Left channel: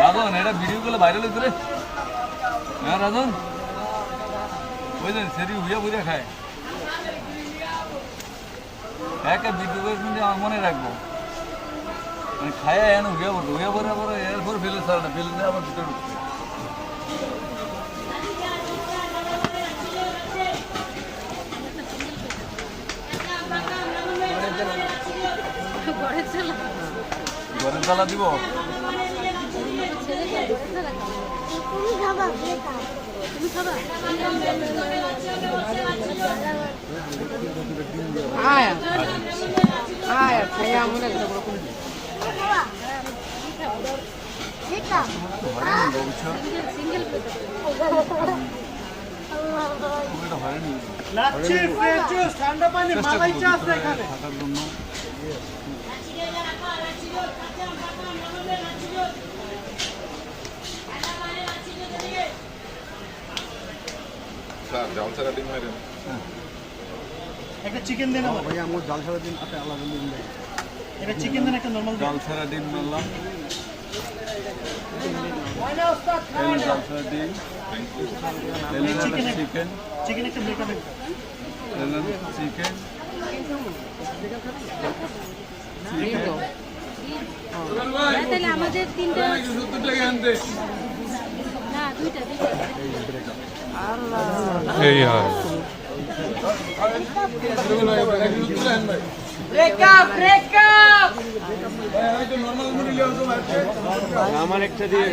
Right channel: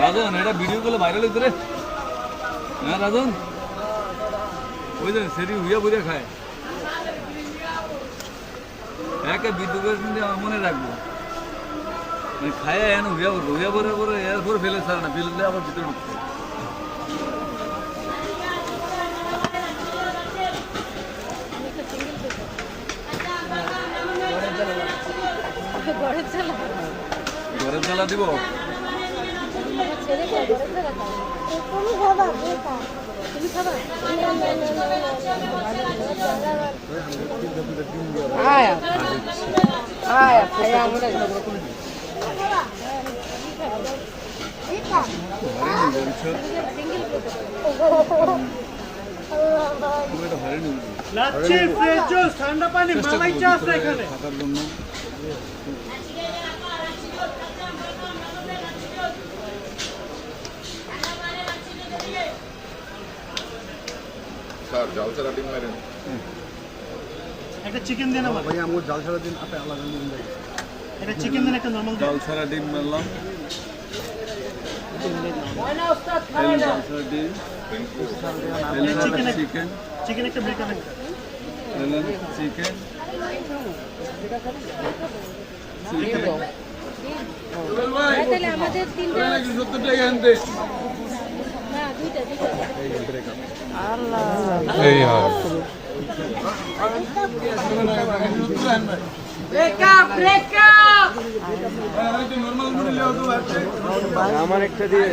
রাজন, এটা ভিডিও গুলো ভাইরাল হইতো রে। হ্যাঁ রাজন? বুঝলেন সেটি বুঝা বুঝা খায়। একটা ভিডিও করে কিন্তু মনে রাখব। খায় এন উড়িয়া পড়ব উড়িয়া পরে পরে এরপর ফেলে ছাড়ে না, ফেলে আবার ভিতরে ঢুকছে ঘরের তালা দিব? ঠান্ডা পানি মালাই চা আছে এখানে। স্যার জাল ছাড়া ডিম মারেন একটা চিকেন দিন আমার ভাইয়া আমার জাল ছাড়া দিন আপনি আলাদা দিন। দেয় একটা চিকেন দিন একটা নরমাল ডাল ছাড়া ডিম। মারলাম চিকেন চিকেন একটা বেকার চিকেন আমাদের তিনটা না দুইটা দুইটা। এই আর আমার একটা দিয়ে।